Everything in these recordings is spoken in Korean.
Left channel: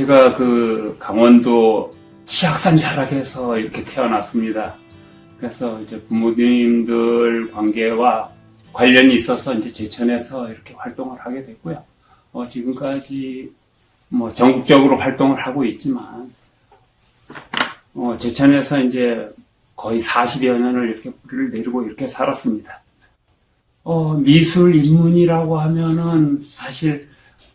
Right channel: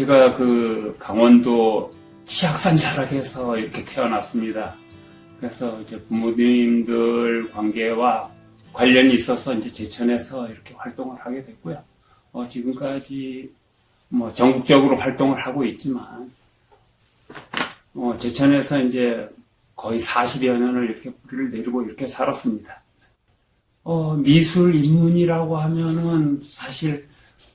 제가 그 강원도 치악산 자락에서 이렇게 태어났습니다. 그래서 이제 부모님들 관계와 관련이 있어서 이제 제천에서 이렇게 활동을 하게 됐고요. 지금까지 뭐 전국적으로 활동을 하고 있지만, 제천에서 이제 거의 40여 년을 이렇게 뿌리를 내리고 이렇게 살았습니다. 미술 인문이라고 하면은 사실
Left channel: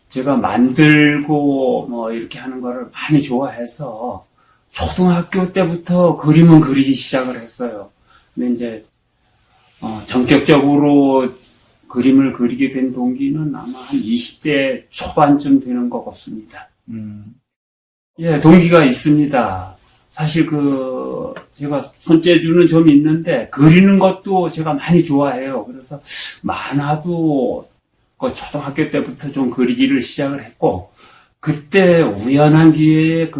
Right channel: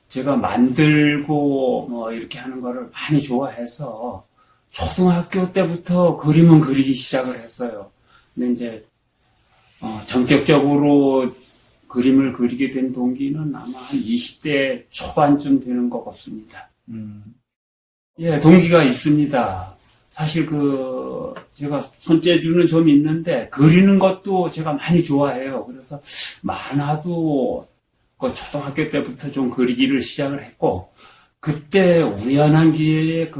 제가 만들고 뭐 이렇게 하는 거를 많이 좋아해서 초등학교 때부터 그림은 그리기 시작을 했어요. 근데 이제 전격적으로 그림을 그리게 된 동기는 아마 한 20대 초반쯤 되는 것 같습니다. 예, 동기가 있습니다. 사실 제가 손재주는 좀 있는데, 그리는 것도 제가 많이 좋아해요. 그래서 만화도 초등학교 때부터 좀 그리기를 시작을 했고, 그때 우연한 기회에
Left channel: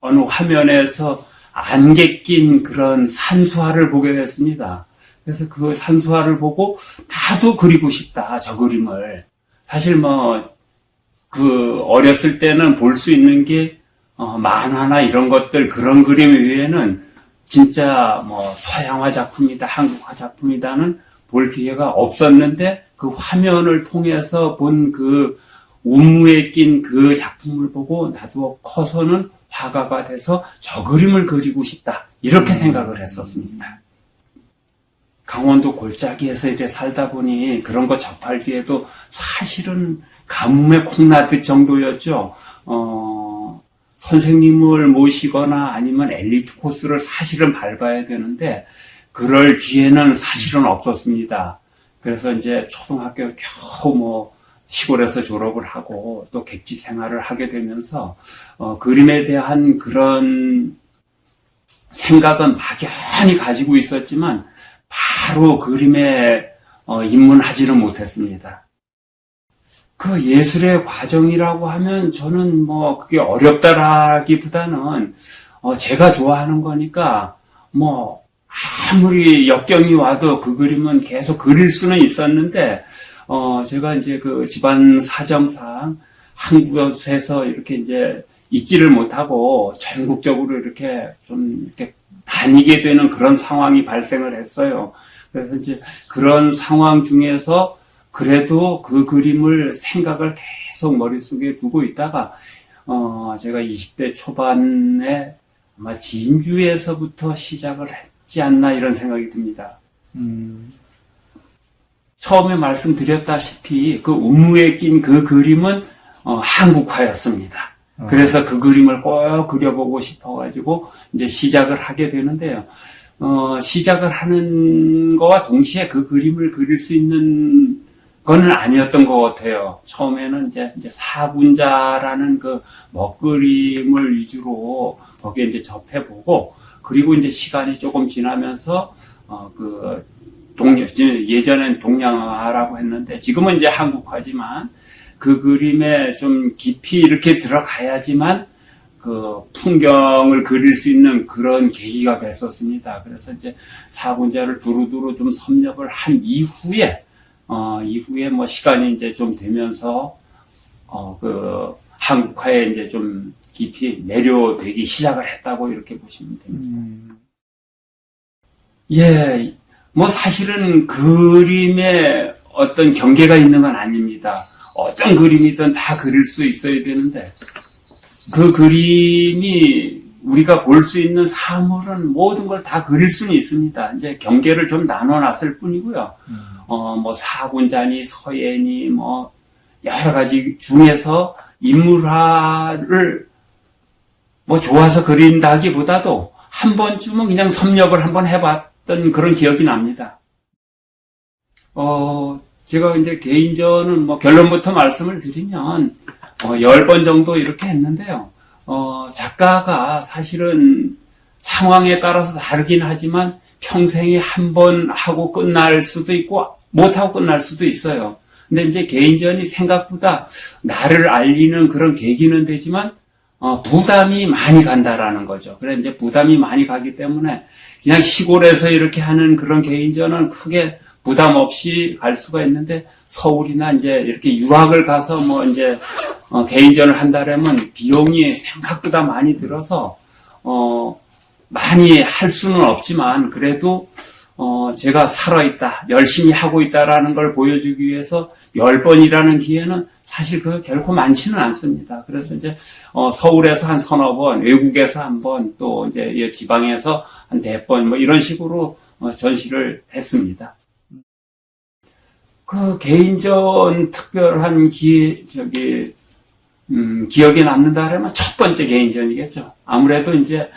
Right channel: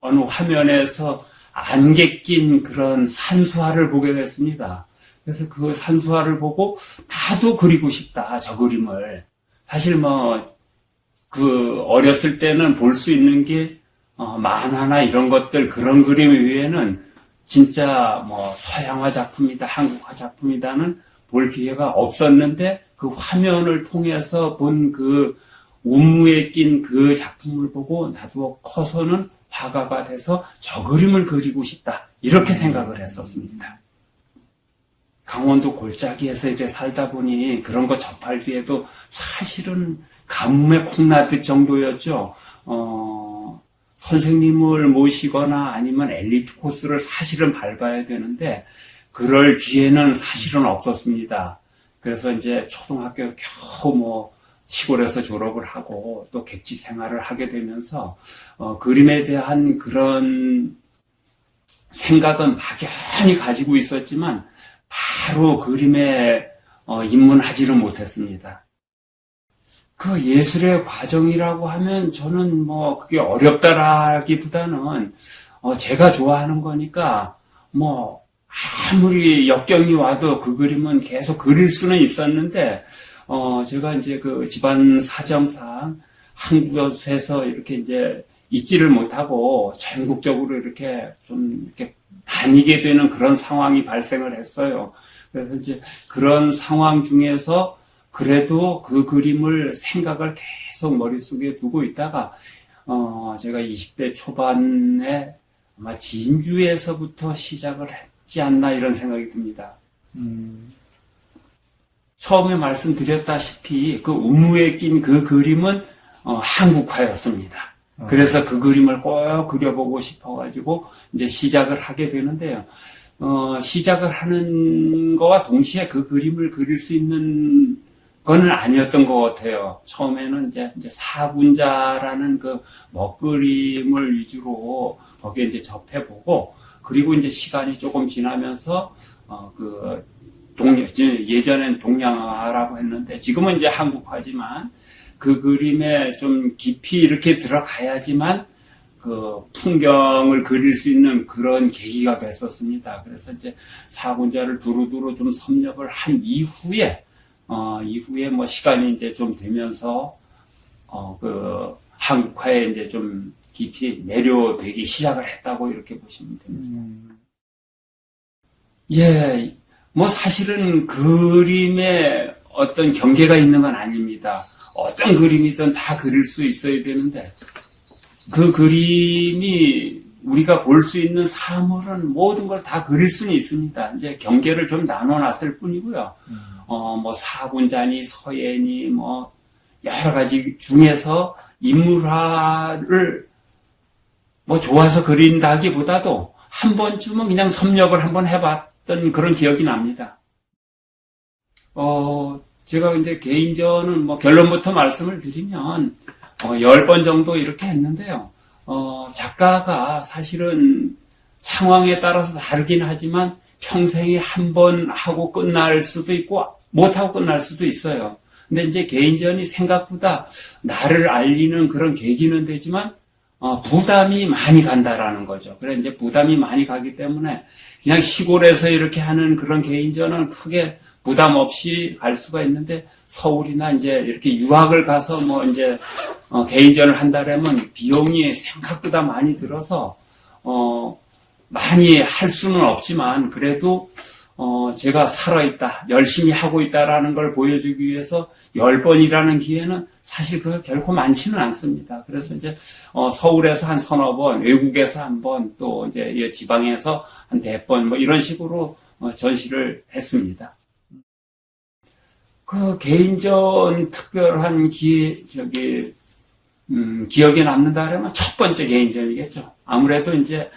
어느 화면에서 안개 낀 그런 산수화를 보게 됐습니다. 그래서 그 산수화를 보고 나도 그리고 싶다, 저 그림을. 사실 어렸을 때는 볼 수 있는 게 만화나 이런 것들, 그런 그림 외에는 진짜 서양화 작품이다, 한국화 작품이다는 볼 기회가 없었는데, 그 화면을 통해서 본 그 운무에 낀 그 작품을 보고 나도 커서는 화가가 돼서 저 그림을 그리고 싶다, 이렇게 생각을 했었습니다. 강원도 골짜기에서 이렇게 살다 보니 그런 거 접하기에도 사실은 가뭄에 콩나듯 정도였죠. 선생님을 모시거나 아니면 엘리트 코스를 사실은 밟아야 되는데 그럴 기회는 사실은 없었습니다. 그래서 이제 초등학교 겨우 시골에서 졸업을 하고 또 객지 생활을 하게 되면서 그림에 대한 그런 생각은 막연히 가지고 있었지만 바로 그림에 입문하지는 못했습니다. 그 예술의 과정이라고 하면 저는 그게 어렵다라기보다는 제가 좋아하는 거니까 아무리 역경이 와도 그 그림은 계속 그릴 수는 있었는데 제가 이제 그 집안 사정상 한 곳에서 이렇게 이제 있지를 못하고 전국적으로 이렇게 좀 이렇게 다니게 되는 그런 상황이 발생을 했어요. 그래서 이제 그런 상황 중에서 그래도 그 그림을 생각을 계속 머릿속에 두고 있다가 제가 20대 초반에 아마 진주에서부터 시작을 했지 않나 이런 생각이 듭니다. 처음에 말씀드렸다시피 그 운무에 낀 그 그림은 한국화였습니다. 그래서 그 그림을 꼭 그려보고 싶어가지고 이제 시작을 하게 되는데요. 시작을 하는 거와 동시에 그 그림을 그릴 수 있는 건 아니었던 것 같아요. 처음에는 이제 사군자라는 그 먹그림을 위주로 거기에 이제 접해보고, 그리고 이제 시간이 조금 지나면서 예전엔 동양화라고 했는데 지금은 이제 한국화지만 그 그림에 좀 깊이 이렇게 들어가야지만 그 풍경을 그릴 수 있는 그런 계기가 됐었습니다. 그래서 이제 사군자를 두루두루 좀 섭렵을 한 이후에 시간이 이제 좀 되면서 한국화에 이제 좀 깊이 내려되기 시작을 했다고 이렇게 보시면 됩니다. 예, 사실은 그림에 어떤 경계가 있는 건 아닙니다. 어떤 그림이든 다 그릴 수 있어야 되는데, 그 그림이 우리가 볼 수 있는 사물은 모든 걸 다 그릴 수는 있습니다. 이제 경계를 좀 나눠놨을 뿐이고요. 사군자니 서예니 여러 가지 중에서 인물화를 좋아서 그린다기보다도 한 번쯤은 그냥 섭렵을 한번 해봤던 그런 기억이 납니다. 제가 이제 개인전은 결론부터 말씀을 드리면 10번 정도 이렇게 했는데요. 작가가 사실은 상황에 따라서 다르긴 하지만 평생에 한 번 하고 끝날 수도 있고 못하고 끝날 수도 있어요. 근데 이제 개인전이 생각보다 나를 알리는 그런 계기는 되지만 부담이 많이 간다라는 거죠. 그래서 이제 부담이 많이 가기 때문에 그냥 시골에서 이렇게 하는 그런 개인전은 크게 부담 없이 갈 수가 있는데 서울이나 이제 이렇게 유학을 가서 뭐 이제 개인전을 한다라면 비용이 생각보다 많이 들어서 많이 할 수는 없지만 그래도 제가 살아있다, 열심히 하고 있다라는 걸 보여주기 위해서 10번이라는 기회는 사실 그 결코 많지는 않습니다. 그래서 이제 서울에서 한 서너 번, 외국에서 한 번, 또 이제 지방에서 한 4번 뭐 이런 식으로 전시를 했습니다. 그 개인전 특별한 기억에 남는다 하면 첫 번째 개인전이겠죠. 아무래도 이제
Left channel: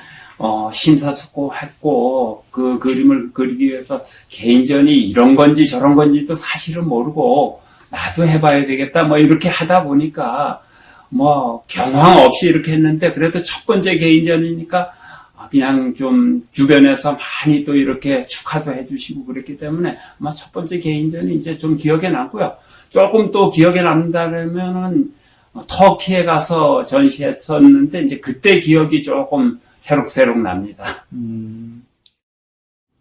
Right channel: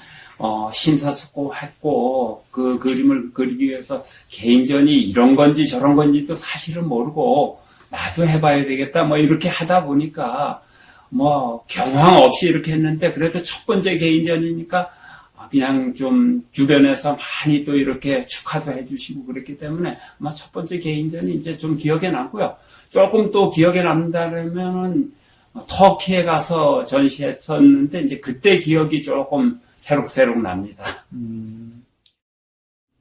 심사숙고했고 그 그림을 그리기 위해서 개인전이 이런 건지 저런 건지도 사실은 모르고 나도 해봐야 되겠다 뭐 이렇게 하다 보니까 뭐 경황 없이 이렇게 했는데 그래도 첫 번째 개인전이니까 그냥 좀 주변에서 많이 또 이렇게 축하도 해주시고 그랬기 때문에 아마 첫 번째 개인전이 이제 좀 기억에 남고요. 조금 또 기억에 남는다면은 터키에 가서 전시했었는데 이제 그때 기억이 조금 새록새록 납니다.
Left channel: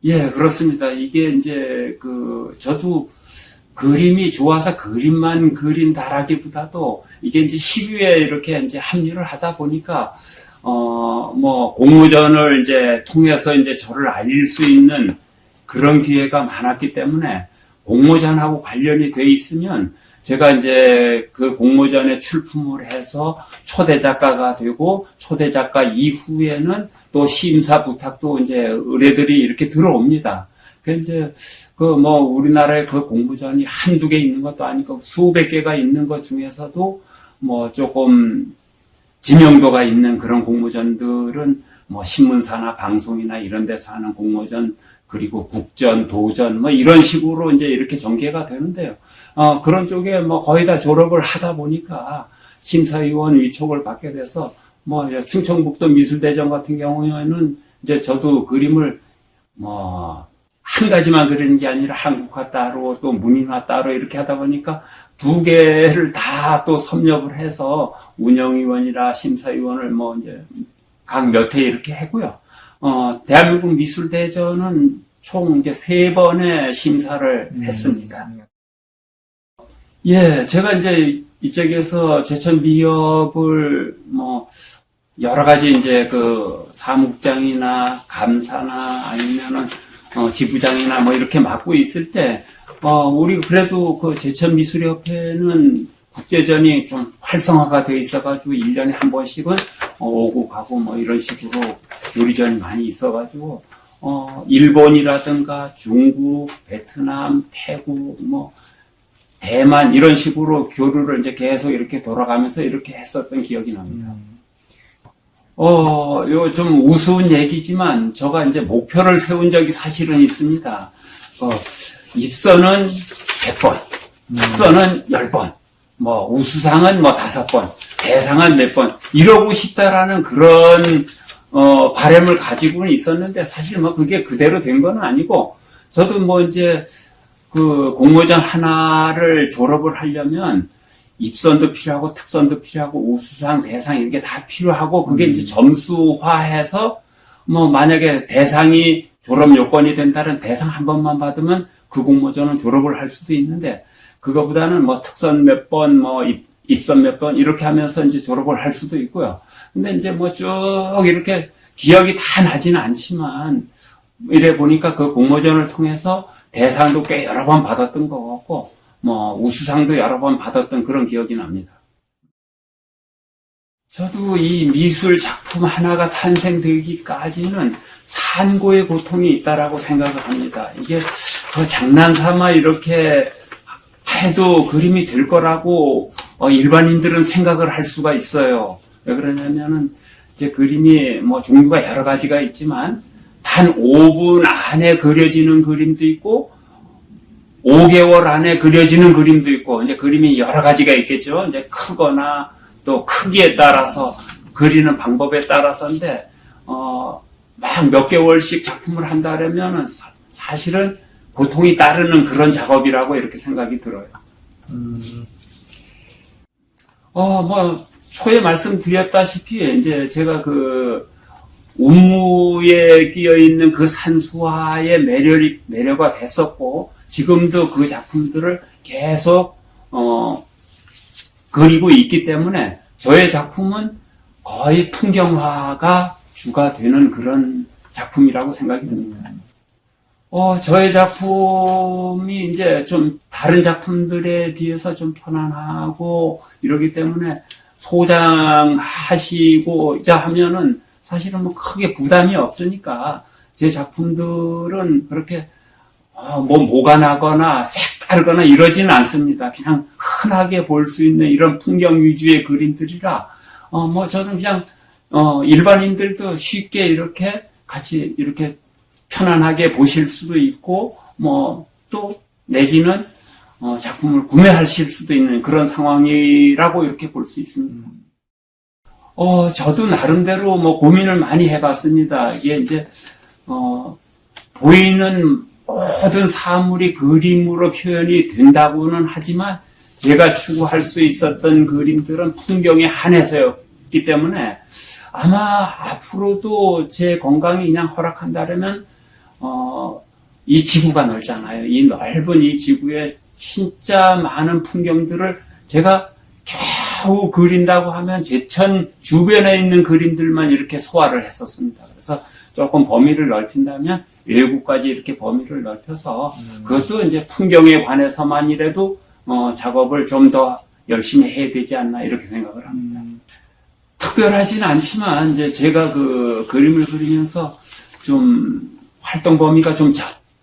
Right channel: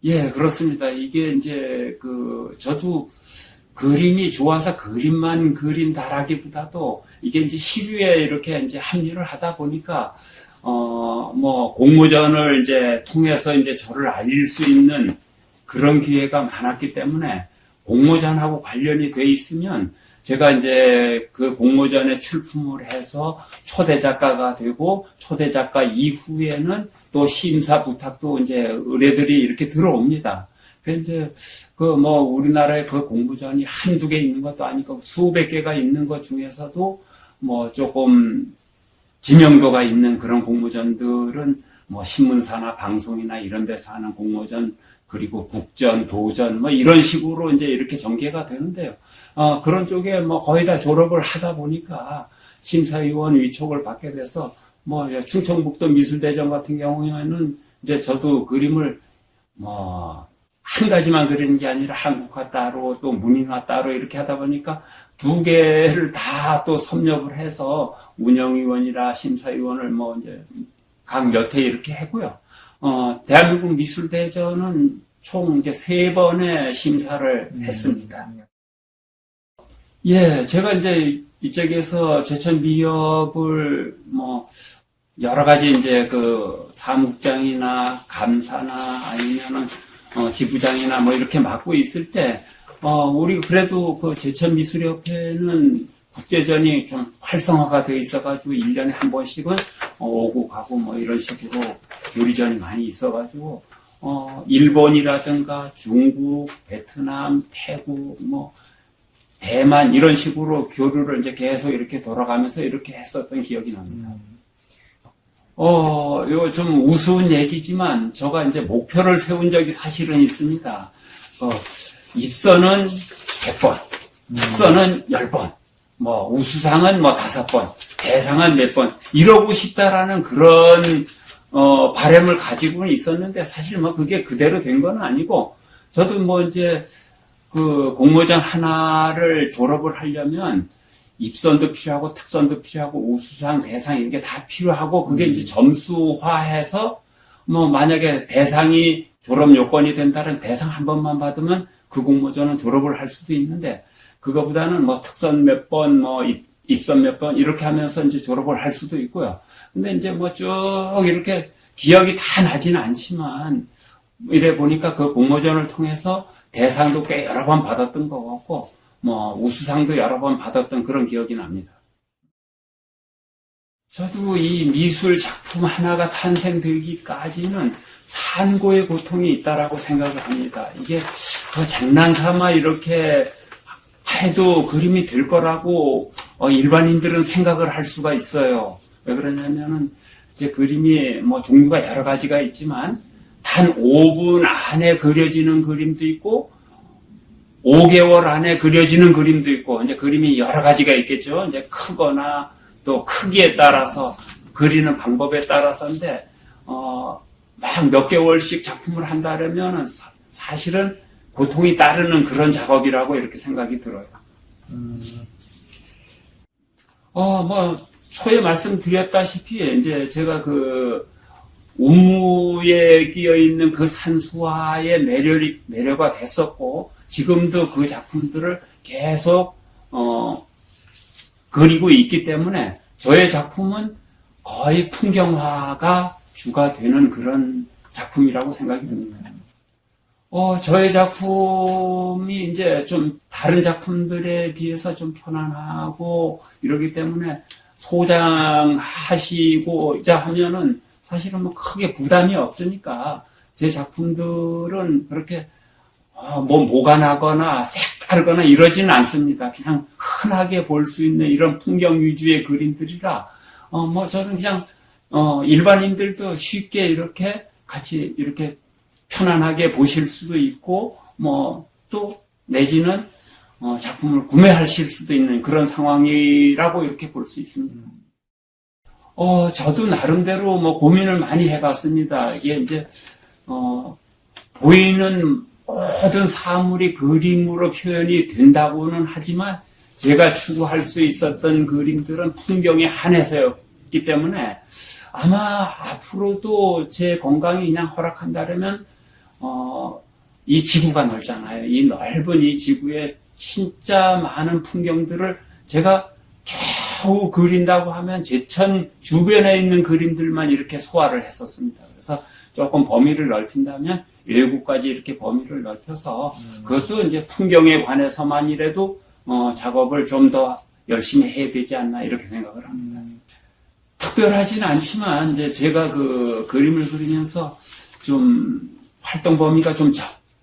예, 그렇습니다. 이게 이제 저도 그림이 좋아서 그림만 그린다라기보다도 이게 이제 시류에 이렇게 이제 합류를 하다 보니까 뭐 공모전을 이제 통해서 이제 저를 알릴 수 있는 그런 기회가 많았기 때문에 공모전하고 관련이 돼 있으면 제가 이제 그 공모전에 출품을 해서 초대 작가가 되고 초대 작가 이후에는 또 심사 부탁도 이제 의뢰들이 이렇게 들어옵니다. 그 이제 뭐 우리나라에 그 공모전이 한두 개 있는 것도 아니고 수백 개가 있는 것 중에서도 뭐 조금 지명도가 있는 그런 공모전들은 뭐 신문사나 방송이나 이런 데서 하는 공모전 그리고 국전, 도전 뭐 이런 식으로 이제 이렇게 전개가 되는데요. 그런 쪽에 뭐 거의 다 졸업을 하다 보니까 심사위원 위촉을 받게 돼서 뭐 충청북도 미술대전 같은 경우에는 이제 저도 그림을 뭐 한 가지만 그리는 게 아니라 한국화 따로 또 문인화 따로 이렇게 하다 보니까 2개를 다 또 섭렵을 해서 운영위원이라 심사위원을 뭐 이제 각 몇 회 이렇게 하고요. 대한민국 미술대전은 총 이제 3번의 심사를 했습니다. 예, 제가 이제 이쪽에서 제천 미역을 뭐 여러 가지 이제 그 사무국장이나 감사나 아니면은 지부장이나 뭐 이렇게 맡고 있을 때 우리 그래도 그 제천미술협회는 국제전이 좀 활성화가 돼 있어가지고 1년에 한 번씩은 오고 가고 뭐 이런 식으로 요리전이 많이 있어가지고 일본이라든가 중국, 베트남, 태국, 뭐 대만 이런 식으로 교류를 이제 계속 이렇게 돌아가면서 이렇게 했었던 기억이 납니다. 이거 좀 우스운 얘기지만, 제가 이제 목표를 세운 적이 사실은 있습니다. 입선은 100번, 특선은 10번, 뭐, 우수상은 뭐 5번, 대상은 몇 번, 이러고 싶다라는 그런, 바람을 가지고는 있었는데, 사실 뭐 그게 그대로 된 건 아니고, 저도 뭐 이제, 그 공모전 하나를 졸업을 하려면, 입선도 필요하고 특선도 필요하고 우수상, 대상 이게 다 필요하고 그게 이제 점수화해서 뭐 만약에 대상이 졸업 요건이 된다면 대상 한 번만 받으면 그 공모전은 졸업을 할 수도 있는데 그거보다는 뭐 특선 몇 번, 뭐 입선 몇 번 이렇게 하면서 이제 졸업을 할 수도 있고요. 근데 이제 뭐 쭉 이렇게 기억이 다 나지는 않지만 이래 보니까 그 공모전을 통해서 대상도 꽤 여러 번 받았던 것 같고 뭐 우수상도 여러 번 받았던 그런 기억이 납니다. 저도 이 미술 작품 하나가 탄생되기까지는 산고의 고통이 있다라고 생각을 합니다. 이게 장난삼아 이렇게 해도 그림이 될 거라고 일반인들은 생각을 할 수가 있어요. 왜 그러냐면은 이제 그림이 뭐 종류가 여러 가지가 있지만 단 5분 안에 그려지는 그림도 있고 5개월 안에 그려지는 그림도 있고, 이제 그림이 여러 가지가 있겠죠. 이제 크거나 또 크기에 따라서 그리는 방법에 따라서인데, 막 몇 개월씩 작품을 한다 그러면 사실은 고통이 따르는 그런 작업이라고 이렇게 생각이 들어요. 뭐, 초에 말씀드렸다시피, 이제 제가 그, 운무에 끼어 있는 그 산수화의 매료가 됐었고, 지금도 그 작품들을 계속 그리고 있기 때문에 저의 작품은 거의 풍경화가 주가 되는 그런 작품이라고 생각이 듭니다. 저의 작품이 이제 좀 다른 작품들에 비해서 좀 편안하고 이러기 때문에 소장하시고자 하면은 사실은 뭐 크게 부담이 없으니까 제 작품들은 그렇게 뭐가 나거나 색다르거나 이러지는 않습니다. 그냥 흔하게 볼 수 있는 이런 풍경 위주의 그림들이라 저는 그냥 일반인들도 쉽게 이렇게 같이 이렇게 편안하게 보실 수도 있고 또 내지는 작품을 구매하실 수도 있는 그런 상황이라고 이렇게 볼 수 있습니다. 저도 나름대로 고민을 많이 해봤습니다. 이게 이제 보이는 모든 사물이 그림으로 표현이 된다고는 하지만 제가 추구할 수 있었던 그림들은 풍경에 한해서였기 때문에 아마 앞으로도 제 건강이 그냥 허락한다면 이 지구가 넓잖아요. 이 넓은 이 지구에 진짜 많은 풍경들을 제가 겨우 그린다고 하면 제천 주변에 있는 그림들만 이렇게 소화를 했었습니다. 그래서 조금 범위를 넓힌다면 외국까지 이렇게 범위를 넓혀서 그것도 이제 풍경에 관해서만이라도 작업을 좀 더 열심히 해야 되지 않나 이렇게 생각을 합니다. 특별하지는 않지만 이제 제가 그 그림을 그리면서 좀 활동 범위가 좀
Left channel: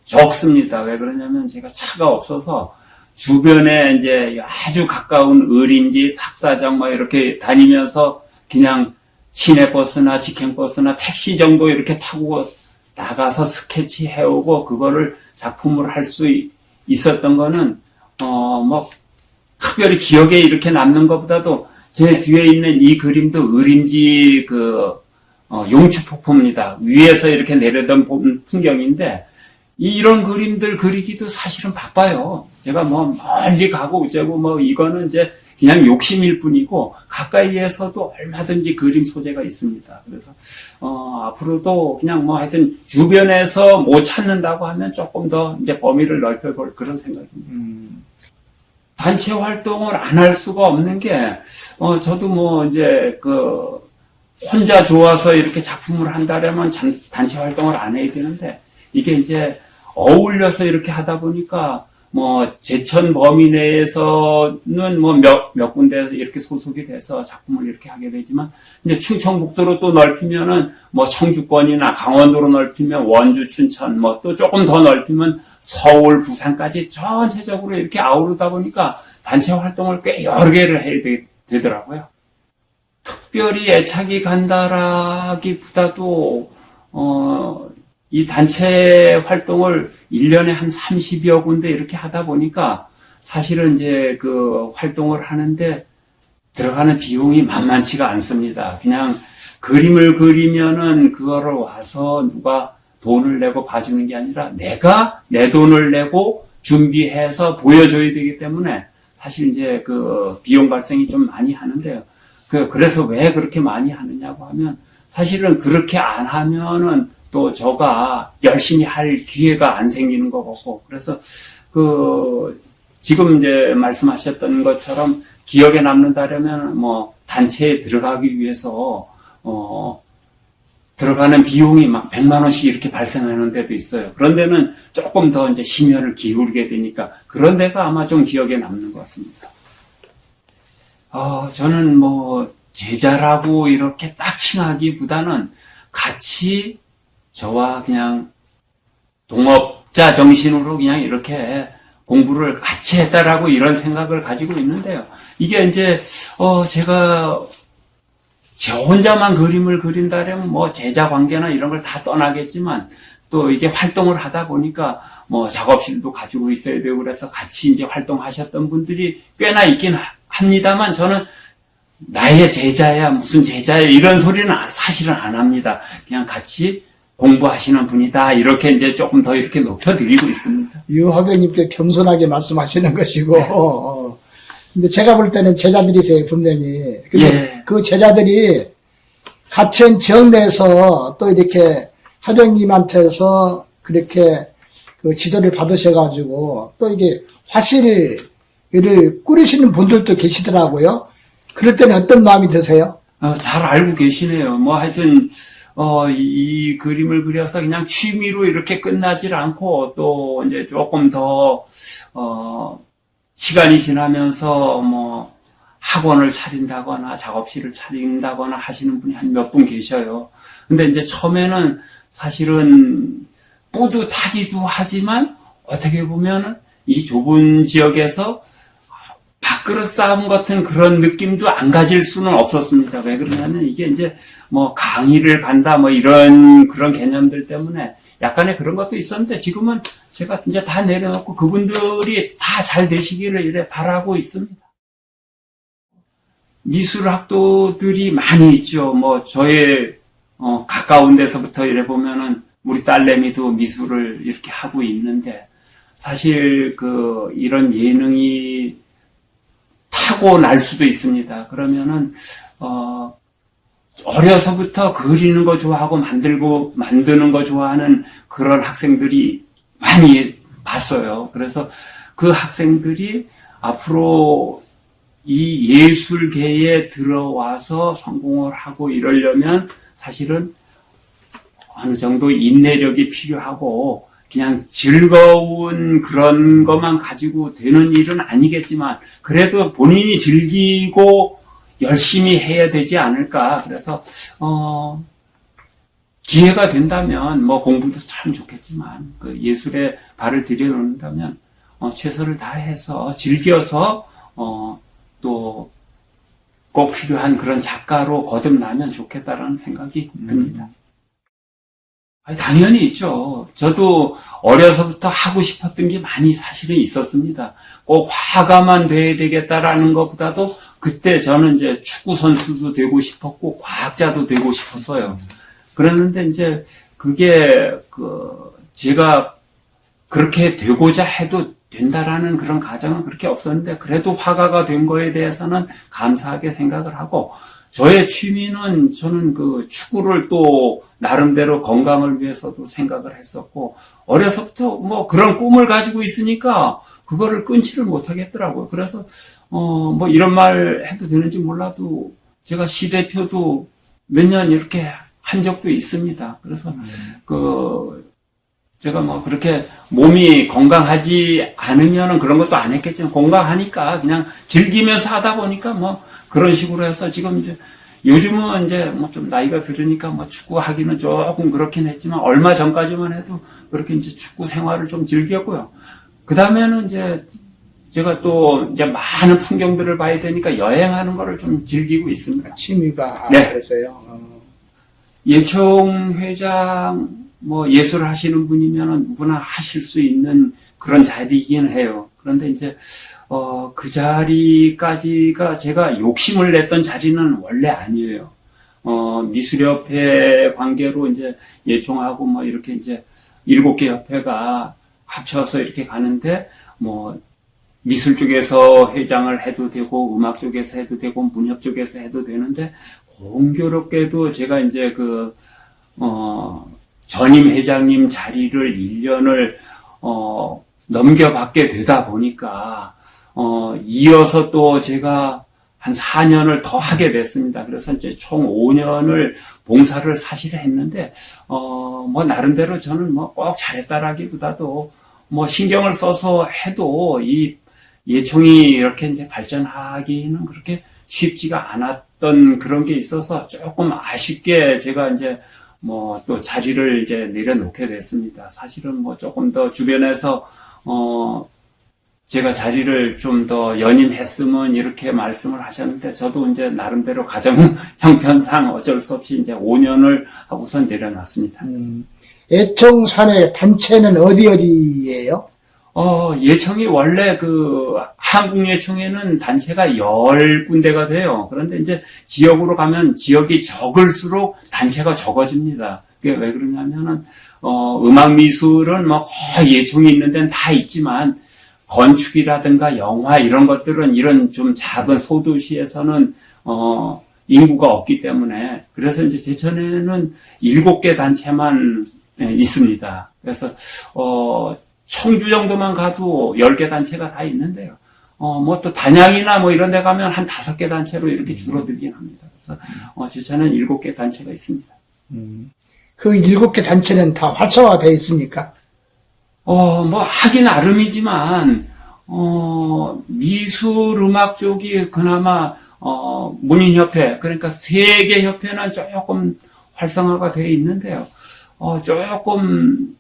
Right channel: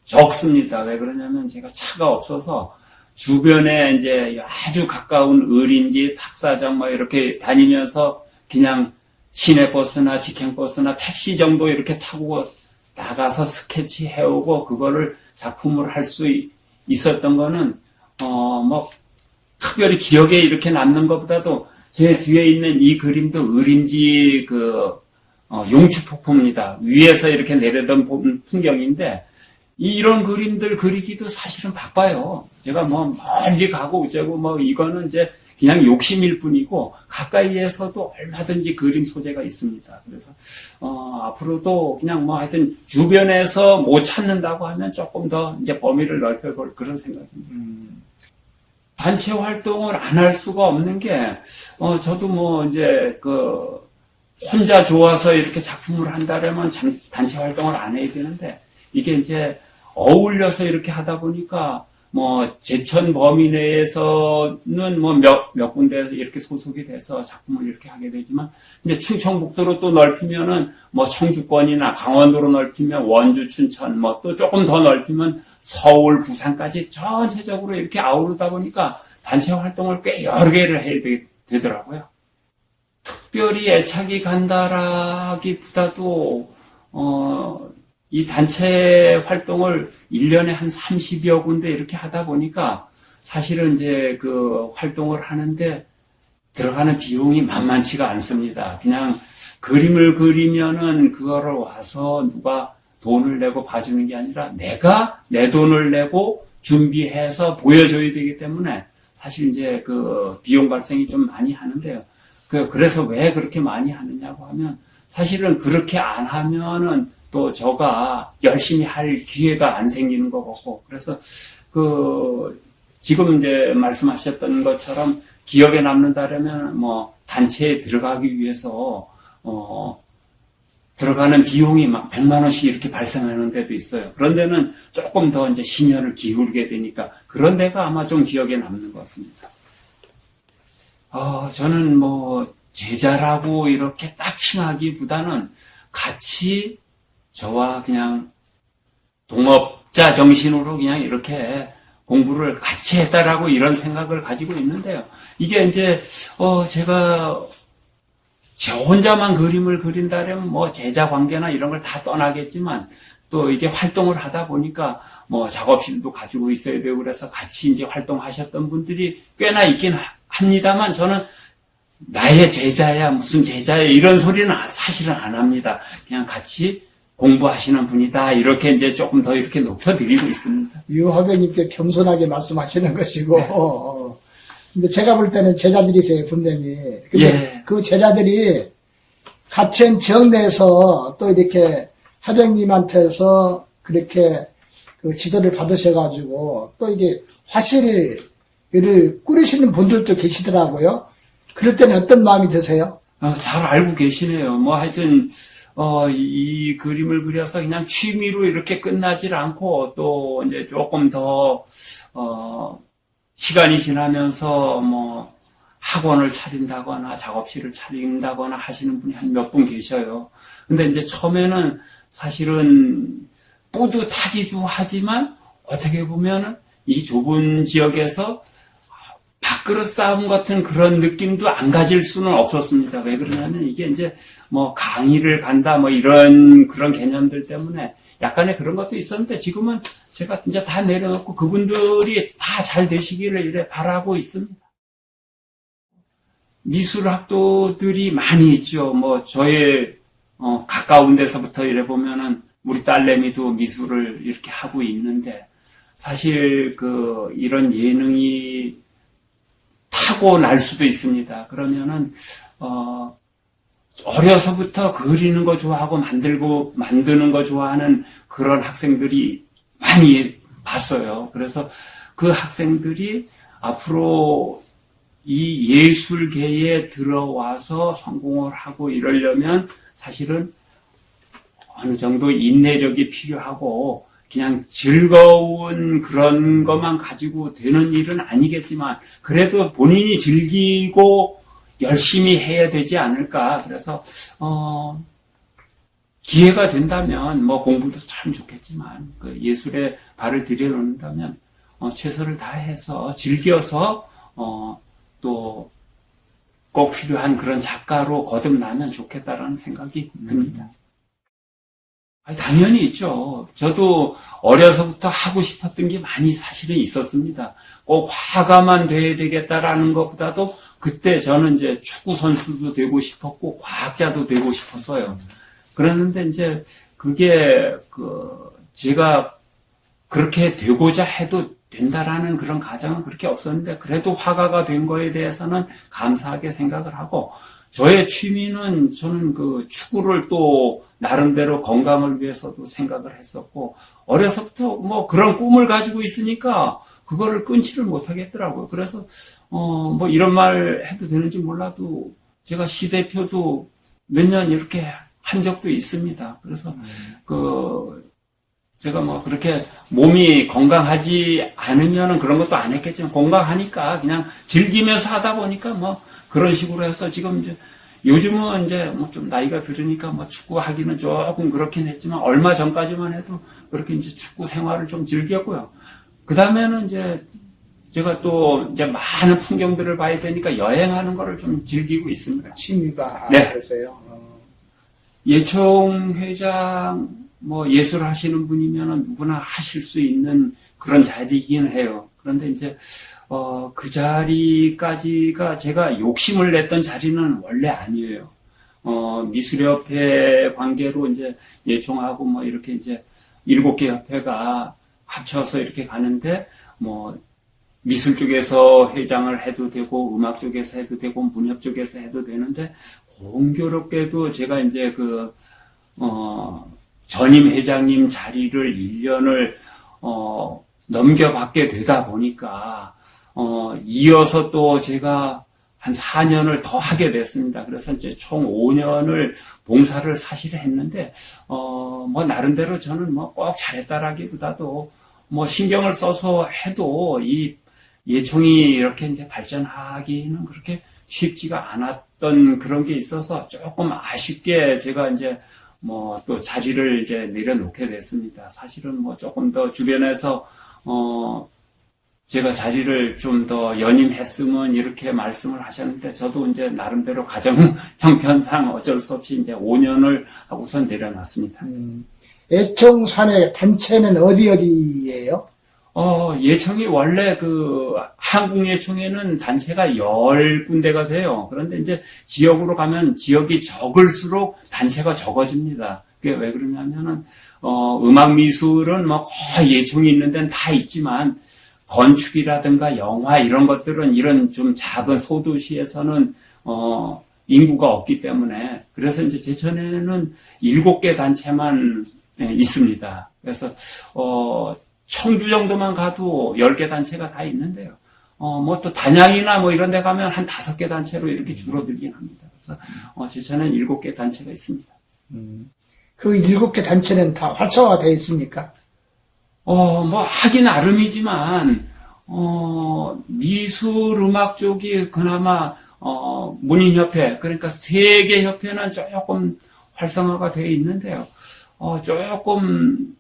적습니다. 왜 그러냐면 제가 차가 없어서 주변에 이제 아주 가까운 의림지, 탁사장 이렇게 다니면서 그냥 시내버스나 직행버스나 택시 정도 이렇게 타고 나가서 스케치 해오고 그거를 작품을 할 수 있었던 거는 특별히 기억에 이렇게 남는 것보다도 제 뒤에 있는 이 그림도 의림지 용추폭포입니다. 위에서 이렇게 내려던 풍경인데 이런 그림들 그리기도 사실은 바빠요. 제가 멀리 가고 어쩌고 이거는 이제 그냥 욕심일 뿐이고 가까이에서도 얼마든지 그림 소재가 있습니다. 그래서 앞으로도 그냥 하여튼 주변에서 못 찾는다고 하면 조금 더 이제 범위를 넓혀볼 그런 생각입니다. 단체 활동을 안 할 수가 없는 게 저도 이제 혼자 좋아서 이렇게 작품을 한다면 단체 활동을 안 해야 되는데 이게 이제 어울려서 이렇게 하다 보니까 제천 범위 내에서는 몇 군데에서 이렇게 소속이 돼서 작품을 이렇게 하게 되지만 이제 충청북도로 또 넓히면은 청주권이나 강원도로 넓히면 원주, 춘천 또 조금 더 넓히면 서울, 부산까지 전체적으로 이렇게 아우르다 보니까 단체 활동을 꽤 여러 개를 해야 되더라고요. 특별히 애착이 간다라기보다도 이 단체 활동을 1년에 한 30여 군데 이렇게 하다 보니까 사실은 이제 그 활동을 하는데 들어가는 비용이 만만치가 않습니다. 그냥 그림을 그리면은 그거를 와서 누가 돈을 내고 봐주는 게 아니라 내가 내 돈을 내고 준비해서 보여줘야 되기 때문에 사실 이제 그 비용 발생이 좀 많이 하는데요. 그래서 왜 그렇게 많이 하느냐고 하면 사실은 그렇게 안 하면은 또 저가 열심히 할 기회가 안 생기는 것 같고 그래서 지금 이제 말씀하셨던 것처럼 기억에 남는다면 단체에 들어가기 위해서 들어가는 비용이 막 100만 원씩 이렇게 발생하는 데도 있어요. 그런 데는 조금 더 이제 심혈을 기울게 되니까 그런 데가 아마 좀 기억에 남는 것 같습니다. 저는 제자라고 이렇게 딱 칭하기보다는 같이 저와 그냥 동업자 정신으로 그냥 이렇게 공부를 같이 했다라고 이런 생각을 가지고 있는데요. 이게 이제 제가 저 혼자만 그림을 그린다면 제자 관계나 이런 걸 다 떠나겠지만 또 이게 활동을 하다 보니까 작업실도 가지고 있어야 되고 그래서 같이 이제 활동하셨던 분들이 꽤나 있긴 합니다만 저는 나의 제자야 무슨 제자야 이런 소리는 사실은 안 합니다. 그냥 같이 공부하시는 분이다 이렇게 이제 조금 더 이렇게 높여드리고 있습니다. 유 화백님께 겸손하게 말씀하시는 것이고 근데 제가 볼 때는 제자들이세요 분명히. 근데 그 제자들이 가천 정내에서 또 이렇게 화백님한테서 그렇게 그 지도를 받으셔가지고 또 이게 화실을 꾸리시는 분들도 계시더라고요. 그럴 때는 어떤 마음이 드세요? 잘 알고 계시네요. 뭐 하여튼 이 그림을 그려서 그냥 취미로 이렇게 끝나질 않고 또 이제 조금 더 시간이 지나면서 뭐 학원을 차린다거나 작업실을 차린다거나 하시는 분이 한 몇 분 계셔요. 근데 이제 처음에는 사실은 뿌듯하기도 하지만 어떻게 보면은 이 좁은 지역에서 밥그릇 싸움 같은 그런 느낌도 안 가질 수는 없었습니다. 왜 그러냐면 이게 이제 뭐 강의를 간다 뭐 이런 그런 개념들 때문에 약간의 그런 것도 있었는데 지금은 제가 이제 다 내려놓고 그분들이 다 잘 되시기를 이래 바라고 있습니다. 미술학도들이 많이 있죠. 뭐 저의 가까운 데서부터 이래 보면은 우리 딸내미도 미술을 이렇게 하고 있는데 사실 이런 예능이 타고날 수도 있습니다. 그러면은 어려서부터 그리는 거 좋아하고 만드는 거 좋아하는 그런 학생들이 많이 봤어요. 그래서 그 학생들이 앞으로 이 예술계에 들어와서 성공을 하고 이러려면 사실은 어느 정도 인내력이 필요하고 그냥 즐거운 그런 것만 가지고 되는 일은 아니겠지만 그래도 본인이 즐기고 열심히 해야 되지 않을까. 그래서 기회가 된다면 뭐 공부도 참 좋겠지만 그 예술에 발을 들여놓는다면 최선을 다해서 즐겨서 또 꼭 필요한 그런 작가로 거듭나면 좋겠다라는 생각이 듭니다. 당연히 있죠. 저도 어려서부터 하고 싶었던 게 많이 사실은 있었습니다. 꼭 화가만 돼야 되겠다라는 것보다도 그때 저는 이제 축구 선수도 되고 싶었고 과학자도 되고 싶었어요. 그랬는데 이제 그게 제가 그렇게 되고자 해도 된다라는 그런 가정은 그렇게 없었는데 그래도 화가가 된 거에 대해서는 감사하게 생각을 하고 저의 취미는 저는 축구를 또 나름대로 건강을 위해서도 생각을 했었고 어려서부터 뭐 그런 꿈을 가지고 있으니까 그거를 끊지를 못하겠더라고요. 그래서 뭐 이런 말 해도 되는지 몰라도 제가 시대표도 몇 년 이렇게 한 적도 있습니다. 그래서 제가 뭐 그렇게 몸이 건강하지 않으면은 그런 것도 안 했겠지만 건강하니까 그냥 즐기면서 하다 보니까 뭐 그런 식으로 해서 지금 이제 요즘은 이제 뭐 좀 나이가 들으니까 뭐 축구 하기는 조금 그렇긴 했지만 얼마 전까지만 해도 그렇게 이제 축구 생활을 좀 즐겼고요. 그 다음에는 이제 제가 또 이제 많은 풍경들을 봐야 되니까 여행하는 거를 좀 즐기고 있습니다. 취미가 네. 그래서요. 예총 회장 뭐 예술 하시는 분이면은 누구나 하실 수 있는 그런 자리이긴 해요. 그런데 이제 그 자리까지가 제가 욕심을 냈던 자리는 원래 아니에요. 미술협회 관계로 이제 예총하고 뭐 이렇게 이제 7개 협회가 합쳐서 이렇게 가는데 뭐 미술 쪽에서 회장을 해도 되고 음악 쪽에서 해도 되고 문협 쪽에서 해도 되는데 공교롭게도 제가 이제 전임 회장님 자리를 1년을 넘겨받게 되다 보니까 이어서 또 제가 한 4년을 더 하게 됐습니다. 그래서 이제 총 5년을 봉사를 사실 했는데 뭐 나름대로 저는 뭐 꼭 잘했다라기보다도 뭐 신경을 써서 해도 이 예총이 이렇게 이제 발전하기는 그렇게 쉽지가 않았던 그런 게 있어서 조금 아쉽게 제가 이제 뭐 또 자리를 이제 내려놓게 됐습니다. 사실은 뭐 조금 더 주변에서 제가 자리를 좀 더 연임했으면 이렇게 말씀을 하셨는데 저도 이제 나름대로 가정 형편상 어쩔 수 없이 이제 5년을 하고선 내려놨습니다. 예총 산의 단체는 어디예요? 예총이 원래 한국 예총에는 단체가 10군데가 돼요. 그런데 이제 지역으로 가면 지역이 적을수록 단체가 적어집니다. 그게 왜 그러냐면은, 음악 미술은 뭐 거의 예총이 있는 데는 다 있지만, 건축이라든가 영화 이런 것들은 이런 좀 작은 소도시에서는, 인구가 없기 때문에, 그래서 이제 제천에는 7개 단체만 있습니다. 그래서, 청주 정도만 가도 10개 단체가 다 있는데요. 뭐 또 단양이나 뭐 이런 데 가면 한 5개 단체로 이렇게 줄어들긴 합니다. 그래서, 제천은 7개 단체가 있습니다. 그 7개 단체는 다 활성화가 되어 있습니까? 뭐 하기 나름이지만, 미술 음악 쪽이 그나마, 문인협회, 그러니까 3개 협회는 조금 활성화가 되어 있는데요. 조금,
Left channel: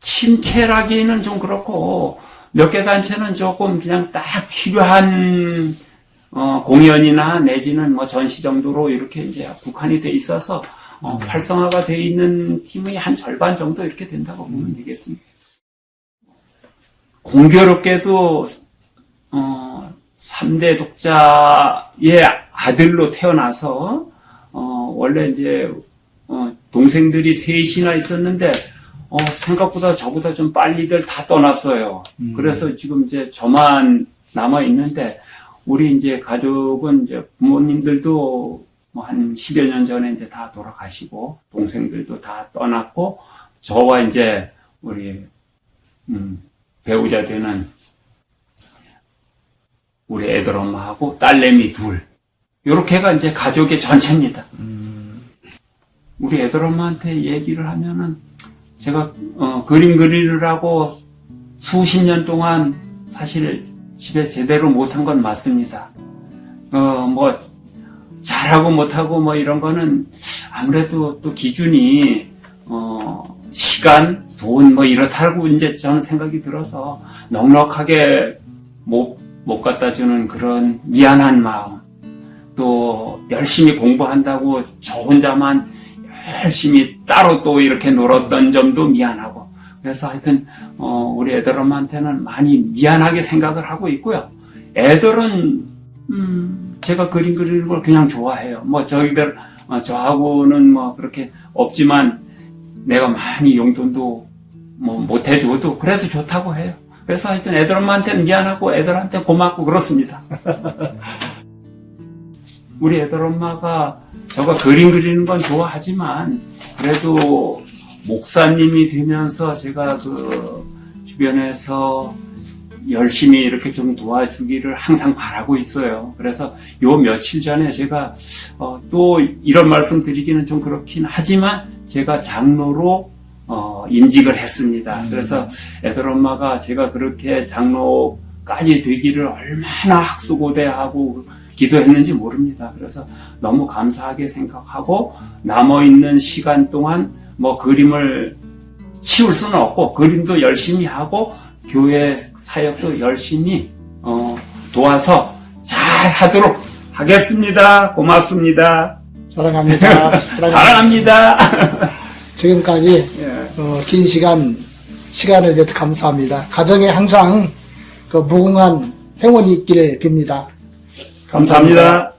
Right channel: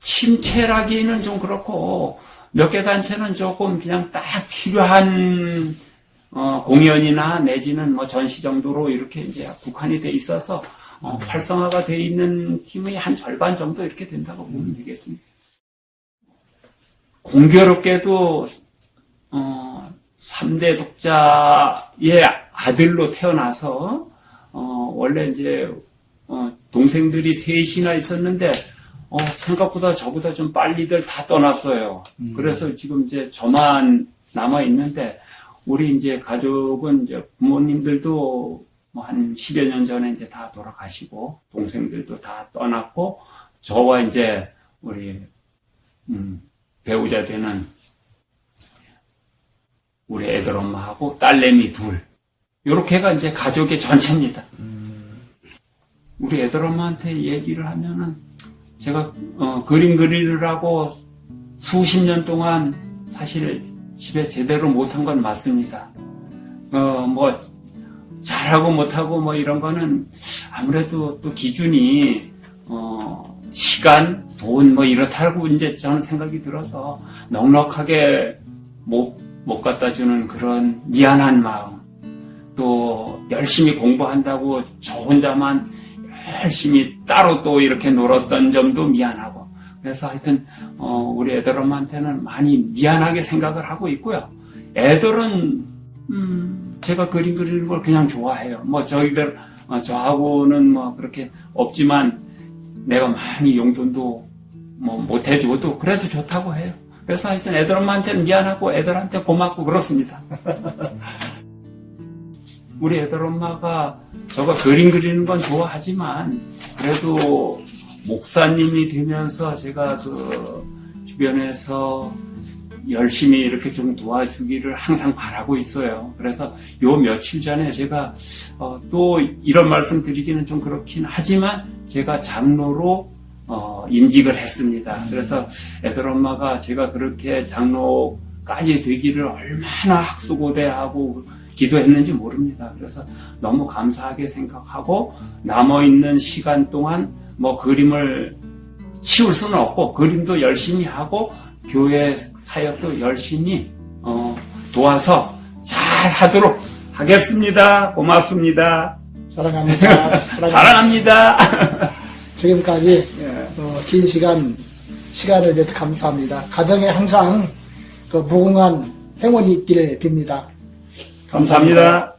침체라기는 좀 그렇고, 몇 개 단체는 조금 그냥 딱 필요한, 공연이나 내지는 뭐 전시 정도로 이렇게 이제 국한이 돼 있어서, 활성화가 돼 있는 팀의 한 절반 정도 이렇게 된다고 보면 되겠습니다. 공교롭게도, 3대 독자의 아들로 태어나서, 원래 이제, 동생들이 셋이나 있었는데, 생각보다 저보다 좀 빨리들 다 떠났어요. 그래서 지금 이제 저만 남아 있는데, 우리 이제 가족은 이제 부모님들도 뭐 한 10여 년 전에 이제 다 돌아가시고, 동생들도 다 떠났고, 저와 이제 우리, 배우자 되는 우리 애들 엄마하고 딸내미 둘. 요렇게가 이제 가족의 전체입니다. 우리 애들 엄마한테 얘기를 하면은, 제가, 그림 그리느라고 수십 년 동안 사실 집에 제대로 못한 건 맞습니다. 뭐, 잘하고 못하고 뭐 이런 거는 아무래도 또 기준이, 시간, 돈 뭐 이렇다고 이제 저는 생각이 들어서 넉넉하게 못 갖다 주는 그런 미안한 마음. 또 열심히 공부한다고 저 혼자만 열심히 따로 또 이렇게 놀았던 점도 미안하고. 그래서 하여튼, 우리 애들 엄마한테는 많이 미안하게 생각을 하고 있고요. 애들은, 제가 그림 그리는 걸 그냥 좋아해요. 뭐 저희들, 저하고는 뭐 그렇게 없지만 내가 많이 용돈도 뭐 못 해줘도 그래도 좋다고 해요. 그래서 하여튼 애들 엄마한테는 미안하고 애들한테 고맙고 그렇습니다. 우리 애들 엄마가 저가 그림 그리는 건 좋아하지만 그래도 목사님이 되면서 제가 그 주변에서 열심히 이렇게 좀 도와주기를 항상 바라고 있어요. 그래서 요 며칠 전에 제가 또 이런 말씀 드리기는 좀 그렇긴 하지만 제가 장로로 임직을 했습니다. 그래서 애들 엄마가 제가 그렇게 장로까지 되기를 얼마나 학수고대하고 기도했는지 모릅니다. 그래서 너무 감사하게 생각하고 남아있는 시간 동안 뭐 그림을 치울 수는 없고 그림도 열심히 하고 교회 사역도 열심히 도와서 잘 하도록 하겠습니다. 고맙습니다. 사랑합니다. 사랑합니다. 지금까지 긴 시간을 내서 감사합니다. 가정에 항상 그 무궁한 행운이 있기를 빕니다. 감사합니다.